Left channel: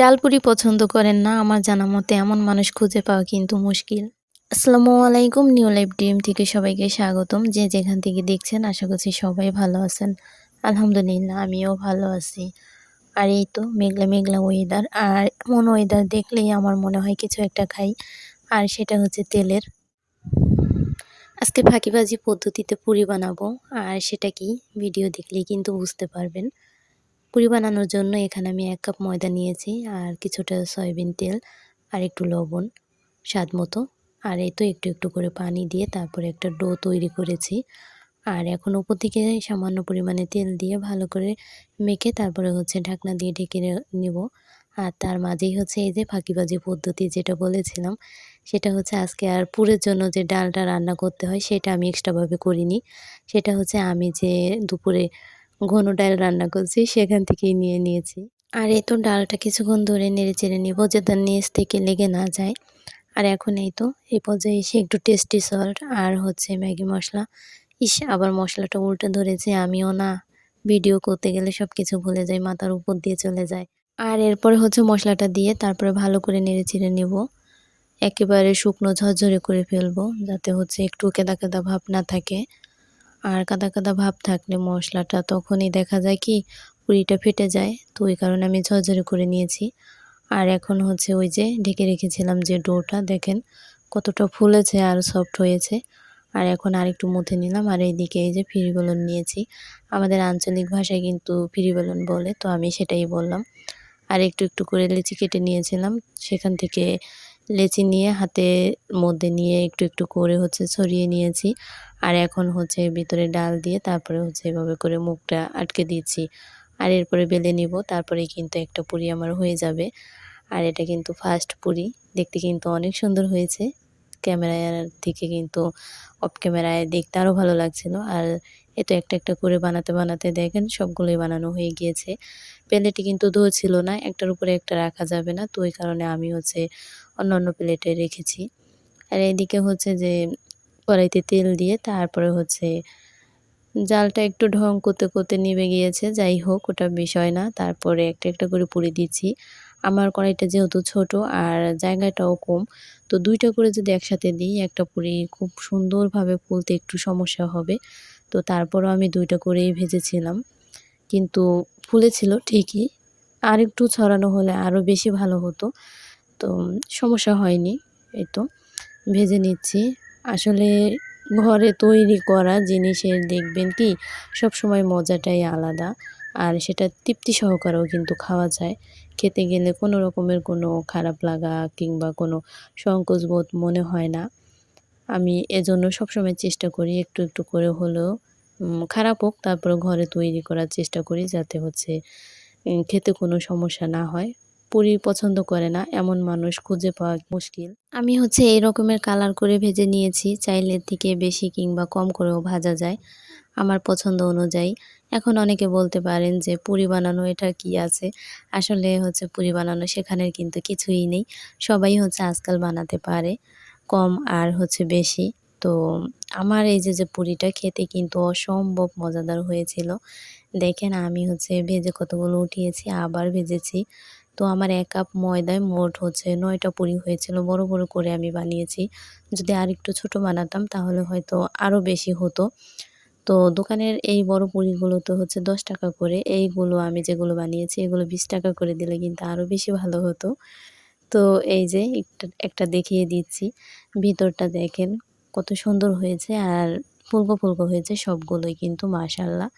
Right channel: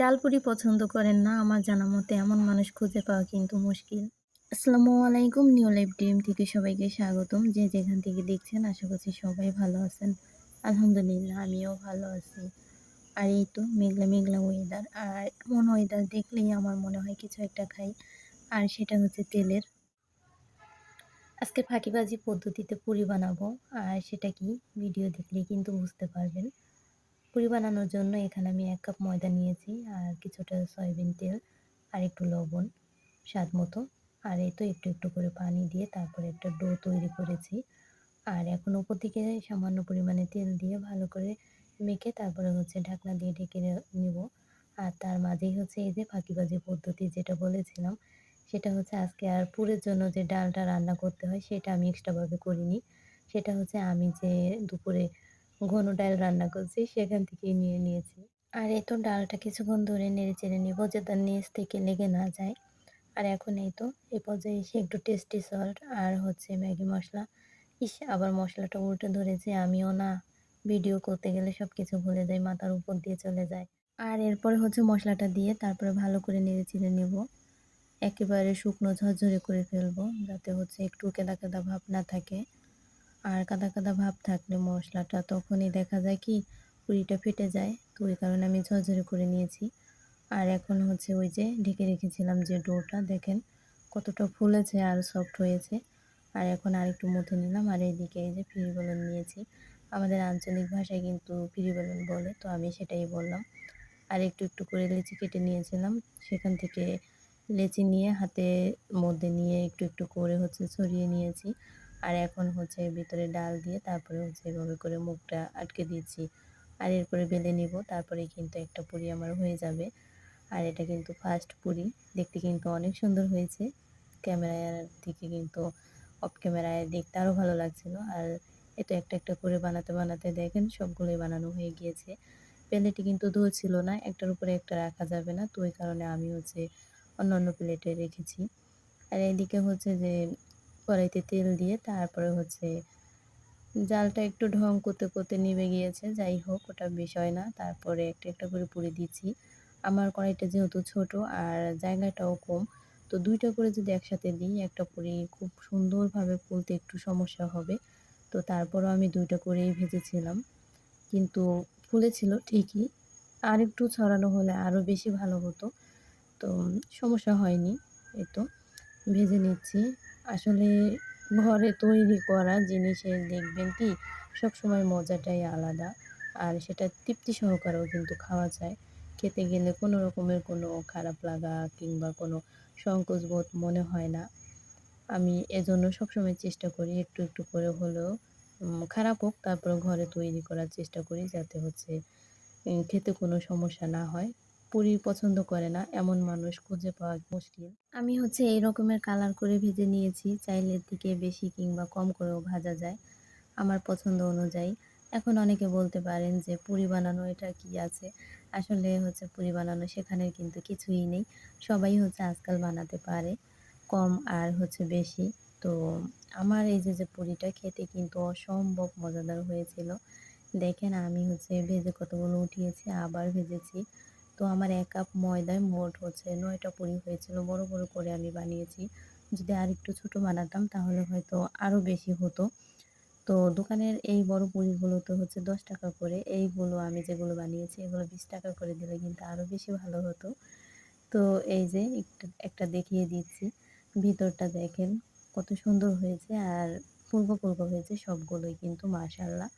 ডালপুরি পছন্দ করেন না আমার জানা মতে এমন মানুষ খুঁজে পাওয়া কিন্তু মুশকিল। আসসালামু আলাইকুম, নিউ লাইফ ড্রিম থেকে সবাইকে স্বাগতম। যে যেখান থেকে দেখছেন আশা করছি সবাই ভালো আছেন। আলহামদুলিল্লাহ আমিও ভালো আছি। আর এই তো মেঘলা মেঘলা ওয়েদার, আর এমন ওয়েদার দেখলেই আমার মনে হয় কিছু একটা খাই, আর সেটা হচ্ছে তেলের। আজকে ফাঁকিবাজি পদ্ধতিতে পুরি বানাবো, আর সেটা কি ভিডিও দেখলেই কিন্তু বুঝতে পারবেন। পুরি বানানোর জন্য এখানে আমি ১ কাপ ময়দা নিয়েছি, আর কিছুটা সয়াবিন তেল, আর একটু লবণ স্বাদ মতো, আর এই তো একটু একটু করে পানি দিয়ে তারপরে একটা ডো তৈরি করেছি। আর এখন উপর থেকে সামান্য পরিমাণে তেল দিয়ে ভালো করে মেখে তারপরে হচ্ছে ঢাকনা দিয়ে ঢেকে নেব। আর তার মাঝেই হচ্ছে এই যে ফাঁকিবাজি পদ্ধতি যেটা বলেছিলাম, সেটা হচ্ছে আজকে আর পুরের জন্য যে ডালটা রান্না করতে হয় সেটা আমি এক্সট্রাভাবে করিনি। সেটা হচ্ছে আমি যে দুপুরে ঘন ডাল রান্না করছি সেখান থেকেই নিয়ে নিয়েছি। আর এই তো ডালটা কিছুক্ষণ ধরে নেড়েচেড়ে নিব যাতে নিচ থেকে লেগে না যায়। আর এখন এই তো এই পর্যায়ে এসে একটু টেস্টি সল্ট আর হচ্ছে ম্যাগি মশলা। আবার মশলাটা উল্টে ধরেছি আমিও না, ভিডিও করতে গেলে সব কিছু ভুলে যাই, মাথার উপর দিয়ে চলে যায়। আর এরপরে হচ্ছে মশলাটা দিয়ে তারপরে ভালো করে নেড়েচেড়ে নেব। একেবারে শুকনো ঝরঝরে করে ফেলবো যাতে হচ্ছে একটু কেদা কেদা ভাব না থাকে। আর কাদা কাদা ভাব থাকলে মশলাটা তখনই দেখা যায় কি পুরিটা ফেটে যায়, তো ওই কারণে আমি ঝরঝরে করে নিয়েছি। আর এখন হচ্ছে ওই যে ঢেকে রেখেছিলাম যে ডোটা দেখেন কতটা ফুলেছে আর সফট হয়েছে। আর এখন আরেকটু মুথে নিলাম, আর এইদিকে এই যে ফিরি বেলুন নিয়েছি, আমাদের আঞ্চলিক ভাষায় কিন্তু ফিরি বেলুন বলে, তো আমি সেটাই বললাম। আর একটু একটু করে লেচি কেটে নিয়েছিলাম, সেখান থেকে লেচি নিয়ে হাতের মধ্যে নিয়ে একটু একটু করে হচ্ছে ছড়িয়ে নিয়েছি। আর এখন হচ্ছে ভিতরে ডাল দিয়ে তারপরে হচ্ছে এভাবে করে মুখটা আটকে দিয়েছি। আর এরপরে বেলে নিব, তারপরেই কিন্তু একটা পুরি আমার হয়ে যাবে। আর এটা কিন্তু ফার্স্ট পুরি, দেখতে কিন্তু অনেক সুন্দর হয়েছে। ক্যামেরার থেকে কিন্তু অফ ক্যামেরায় দেখতে আরও ভালো লাগছিল। আর এ তো একটা একটা করে বানাতে বানাতে দেখেন সবগুলোই বানানো হয়ে গিয়েছে। প্লেটে কিন্তু ধরছিল না, একটার উপরে একটা রাখা যাবে না, তো ওই কারণে আমি হচ্ছে অন্য প্লেটে রেখেছি। আর এদিকে হচ্ছে যে কড়াইতে তেল দিয়ে তারপরে হচ্ছে জালটা একটু ঢং করতে করতে নিভে গিয়েছে, যাই হোক ওটা বিষয় না। তারপরে একটা একটা করে পুরি দিচ্ছি। আমার কড়াইটা যেহেতু ছোট আর জায়গাটাও কম, তো ২ টা করে যদি একসাথে দিই একটা পুরি খুব সুন্দরভাবে ফুলতে একটু সমস্যা হবে। তো তারপরও আমি ২ টা করেই ভেজেছিলাম। কিন্তু ফুলেছিল ঠিকই। আরেকটু ছড়ানো হলে আরও বেশি ভালো হতো। তো সমস্যা হয়নি। এই তো ভেজে নিচ্ছি। আসলে ঘরে তৈরি করা জিনিসের দেখবেন কি সবসময় মজাটাই আলাদা। আর সেটা তৃপ্তি সহকারেও কিন্তু খাওয়া যায়। খেতে গেলে কোনো রকমের কোনো খারাপ লাগা কিংবা কোনো সংকোচবোধ মনে হয় না। আমি এজন্য সবসময় চেষ্টা করি একটু একটু করে হলেও খারাপ হোক তারপরেও ঘরে তৈরি করার চেষ্টা করি যাতে হচ্ছে খেতে কোনো সমস্যা না হয়। পুরি পছন্দ করে না এমন মানুষ খুঁজে পাওয়া মুশকিল। আমি হচ্ছে এই রকমের কালার করে ভেজে নিয়েছি। চাইলে এর থেকে বেশি কিংবা কম করেও ভাজা যায় আমার পছন্দ অনুযায়ী। এখন অনেকে বলতে পারেন যে পুরি বানানো এটা কি আছে? আসলে হচ্ছে পুরি বানানো শেখানোর কিন্তু কিছুই নেই। সবাই হচ্ছে আজকাল বানাতে পারে। কম আর হচ্ছে বেশি। তো আমার এই যে পুরিটা খেতে কিন্তু অসম্ভব মজাদার হয়েছিল। দেখেন আমি হচ্ছে ভেজে কতগুলো উঠিয়েছি, আবার ভেজেছি। তো আমার ১ কাপ ময়দায় মোট হচ্ছে ৯ টা পুরি হয়েছিল। বড়, বড় করে আমি বানিয়েছি। যদি আরেকটু ছোট বানাতাম তাহলে হয়তো আরও বেশি হতো। তো দোকানের এই বড় পুরিগুলো তো হচ্ছে ৳১০ করে। এইগুলো আমি যেগুলো বানিয়েছি এগুলো ৳২০ করে দিলে কিন্তু আরও বেশি ভালো হতো। তো এই যে একটা দেখিয়ে দিচ্ছি। ভিতরটা দেখেন কত সুন্দর হয়েছে আর ফুলকো, ফুলকো হয়েছে সবগুলোই কিন্তু মাশাআল্লাহ।